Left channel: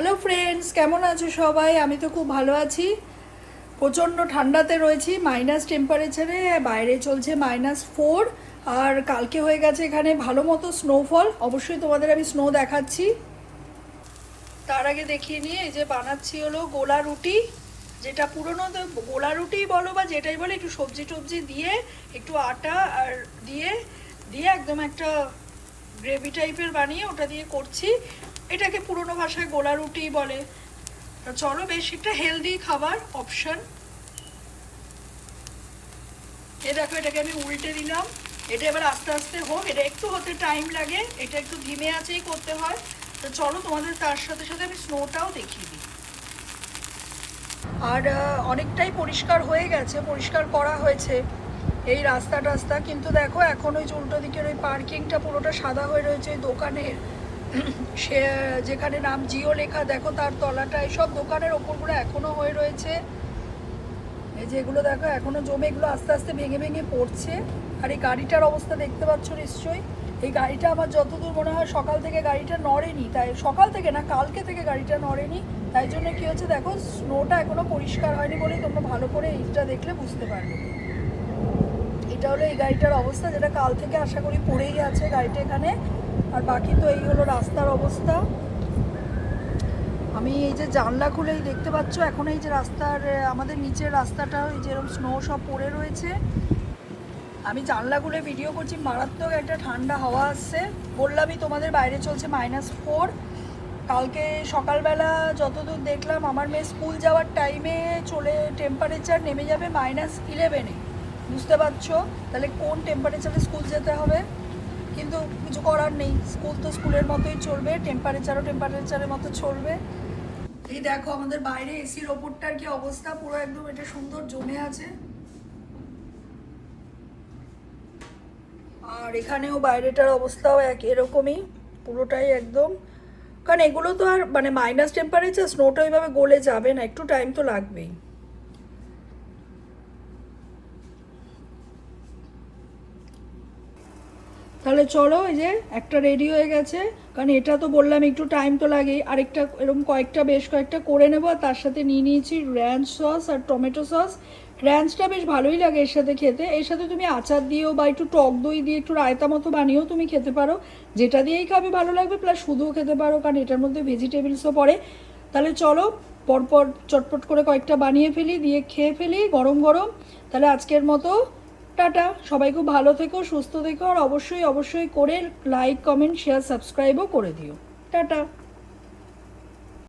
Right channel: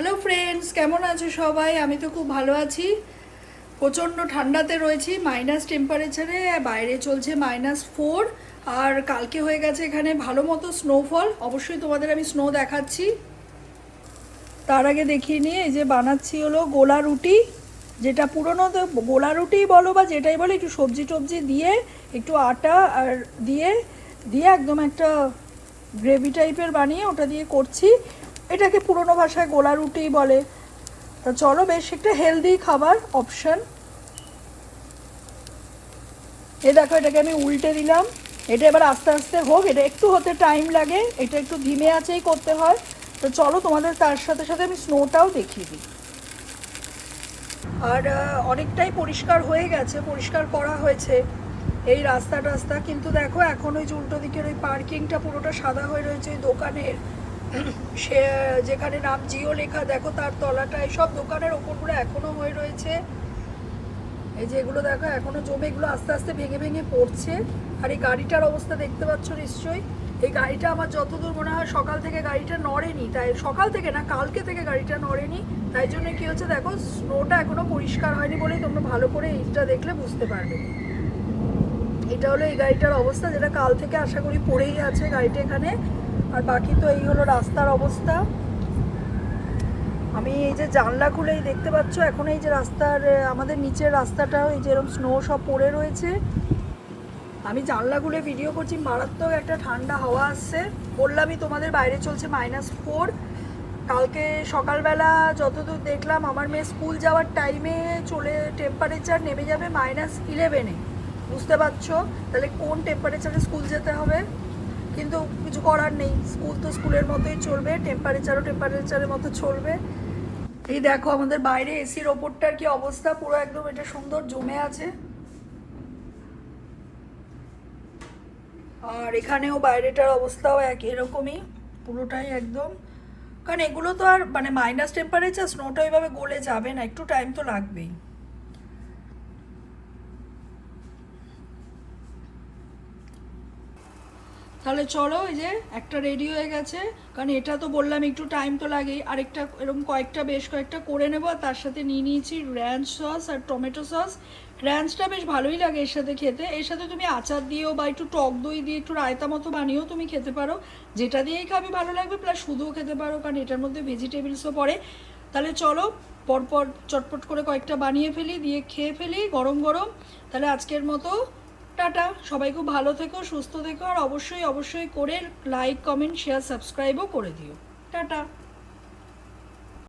Hello friends, কেমন আছো সবাই? আমি তো খুব ভালো আছি। প্রচণ্ড ঠান্ডাতে রয়েছি, মাইনাস টেম্পারেচারে, বাইরে চলছে -4। আর কালকে হয়ে গেছে এখানে ভালো মতো স্নোফল। অবশ্যই তোমাদের আমি স্নো দেখাচ্ছি। তার আগে দেখিয়ে নিয়ে এই যে বানাচ্ছি হলো গোলা রুটি, যেটা পুরোনো তো গোলা রুটিই বলো বা যেটাই বলো, একটু সবজি টবজি দিয়ে একটু আটা আর দিয়ে দিয়ে একদম একটা গ্রেভি টাইপের বানিয়ে ওটা দিয়ে করছি। এটাকে পুরোনো ভাষায় গোলা রুটিই বলে। তো চলো, বেশ একটা হেলদি খাবার অপশান। এই দেখো, এটাকে আমি উল্টে দিলাম। এটা এবার আস্তে আস্তে হোক, এটা একটু হতে টাইম লাগে, এটা একটু ধিমে আঁচেই করতে হয়। তো চলো, তোমাদের তার সাথে সাথে আমি স্নোটাও দেখিয়ে দিই। আর অনেকটাই পরিষ্কার হয়ে গেছে, পরিষ্কার করা হয়েছে এই রাস্তা, কিন্তু দেখো এখন ওই যে উল্টো দিকের ওই পার্কিংটা পুরোটা সাদা হয়ে রয়েছে। ওই দোকানের সে যেখানে নাম জিও লেখা, দেখো তার তলাটা, এইসব দোকানের ওপরগুলো এখনো হয়ে রয়েছে। এই যে এগুলো দেখো এখনো জমে, এগুলো আস্তে আস্তে ভেঙে ভেঙে পড়ছে। আর এই গাড়িটার অবস্থা দেখতে পাচ্ছ নিশ্চয়ই। এই গাড়িটা আমার যতদূর মনে হয় সকাল থেকে গাড়িটা নড়েনি, তাই সকাল থেকে না, কালকে থেকে গাড়িটা নড়েনি। তাই জন্য কি হচ্ছে দেখো, স্নোটা এখনো পরিষ্কার হয়নি বলেই তোমরা ভালো করে এইটা দেখলে বুঝতে পারবে। এটা হলো এই গাড়িটার অবস্থা, যেটা কাল থেকে আশা করি পড়েই আছে গাড়িটা এখানে। আর বাকি তো এই হলো রাস্তার অবস্থা। আমি এই যে জানলা খুলেই দেখতে পাচ্ছ, এখন এই যে রাস্তার আমাদের নিচের রাস্তাটা এই যে এরকম স্নো সব পড়ে রয়েছে। আমি জানলা খুলে ভিডিও করছি, মারাত্মক একটা ঠান্ডা হাওয়া আসছে। বললামই তোমাদের বাইরে চলছে -4। কালকে সকালবেলা যতদূর দেখলাম, আমার মেয়ে স্কুল যাওয়ার টাইমে টেম্পারেচার নেমে যাবে -11-এ। বুঝতে পারছো তাহলে কোন টেম্পারেচারে স্কুল যেতে হবে। কিন্তু কিছু করার নেই, স্কুল তো স্কুলের মতোই চলবে, টেম্পারেচারের মতো চলবে। এই দেখো আমাদের বাইরে এসির ওপরটার কি অবস্থা, পুরো একদম এটা সুন্দর জমে আছে। আর এখানেও বাইরেটার অবস্থাও এরকমই, পুরোটাই একদম। কারণ এগুলো তো আর মানে মাইনাস টেম্পারেচার, স্নোটা এইভাবে গলে যাবে না, একটু টাইম তো লাগবেই। তাহলে চলো, এই যে একটা রেডি হয়ে গেছে। কারণ এটা তো বললাম একটু টাইম তো লাগেই। আরেকটা এরকম বেশ কয়েকটা করে নেবো। আর তার সাথে নিয়ে নিয়েছি র্যাঞ্চ সস আর টমেটো সস। র্যাঞ্চটা বেশ ভালোই লাগে এর সাথে খেতে। এর সাথে তুমি আচার দিয়েও বা একটু টক দই দিয়ে একটু রায়তা মতো বানিয়েও তুমি খেতে পারো, যেটা দিয়েই খাবে ভালো লাগবে। প্লাস শুধুও খেতে পারো, কারণ এটার মধ্যে ভেজিটেবলসও পড়ে। তাহলে চলো পরপর চটপট করে কয়েকটা বানিয়ে ফেলি, দিয়ে খেয়ে ফেলি গরম গরম। তাহলে আজকের মতো টাটা। সবাই খুব ভালো থেকো, সুস্থ থেকো। আর অবশ্যই করে লাইক, কমেন্ট, শেয়ার, সাবস্ক্রাইবও করে দিও। টাটা।